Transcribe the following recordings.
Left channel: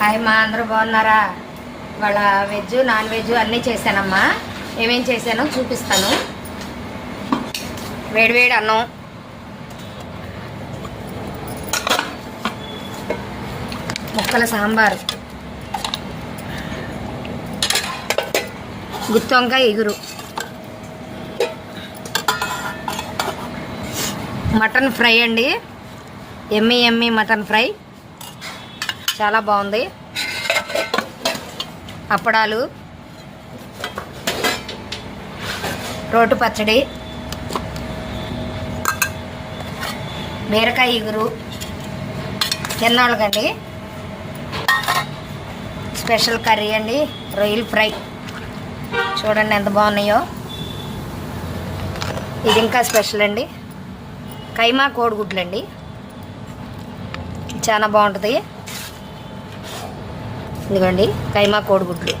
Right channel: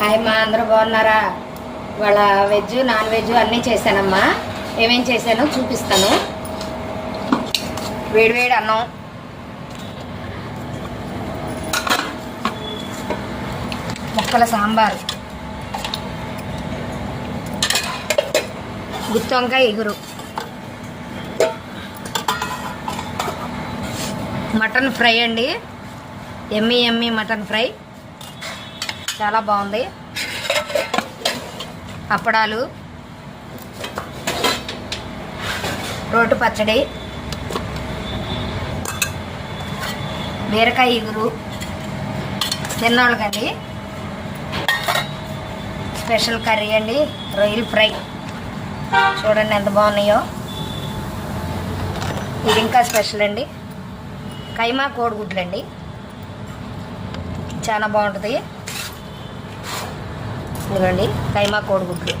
Hi మా అందరూ బాగున్నారా? వాళ్ళ వెజ్ నాన్ వెజ్ అన్నీ చేశానమ్మా. ఏమేం చేశానో చూపిస్తాను. వేడివేడి అన్నం, ముక్కల సాంబారు, గుత్తి వంకాయ ఎగురు, మటన్ ఫ్రై అండి. ఎమ్మి మటన్ ఫ్రై చాలా బాగుంది. అప్పడాలు, రోటు పచ్చడి, బీరకాయ ఎగురు తిన్నోళ్ళకండి. స్పెషల్ కర్రీ అండి, రొయ్యలు ఫ్రై చూడండి ఎంత బాగున్నాయో. ఇది ఇంకా స్పెషల్ అండి, కైమా కోడిగుడ్లు అండి, చాలా బాగుంటుంది. ఇదిగోండి కైమా కోడిగుడ్లు,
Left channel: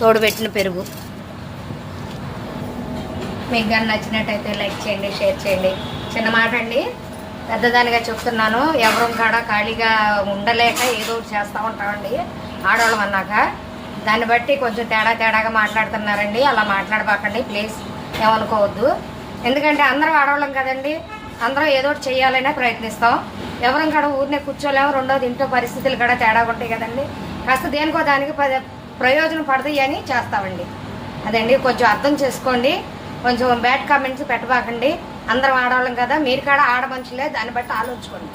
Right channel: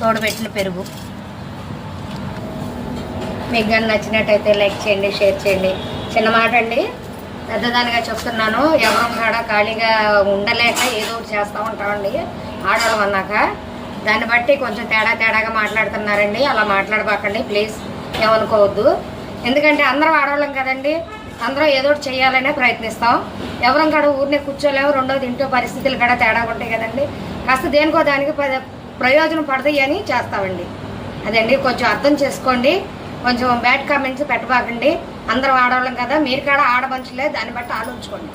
తోడు పెట్టిన పెరుగు. మీకు కానీ నచ్చినట్టయితే లైక్ చేయండి, షేర్ చేయండి. చిన్న మాట అండి, పెద్దదానిగా చెప్తున్నాను. ఎవరో కాడ ఖాళీగా ఉండలేక ఏదో ఒకటి చేస్తూ ఉంటామండి ఆడవాళ్ళం అన్నాక. దాన్ని బట్టి కొంచెం తేడాగా మాట్లాడుతున్నారండి. అలా మాట్లాడబాకండి ప్లీజ్, ఏమనుకోవద్దు. ఎందుకంటే అందరం ఆడవాళ్ళం కదండి, అందరం ఏదో ఒకటి చేయాలనే ప్రయత్నిస్తాం. ఎవరం కాడ ఊరినే కూర్చోలేము. రెండోది ఇంట్లో పరిస్థితులు కూడా తేడా ఉంటాయి కదండి. కాస్త దేనికో దానికి ప్రయోజనం పడతాయి అని చేస్తామండి. అదండి, కొంచెం అర్థం చేసుకోండి. కొంచెం బ్యాడ్ కామెంట్స్ పెట్టబాకండి. అందరం ఆడవాళ్ళం కదా, మీరు కూడా ఆడ మనుషులే, దాన్ని బట్టి ఆలోచించుకోండి.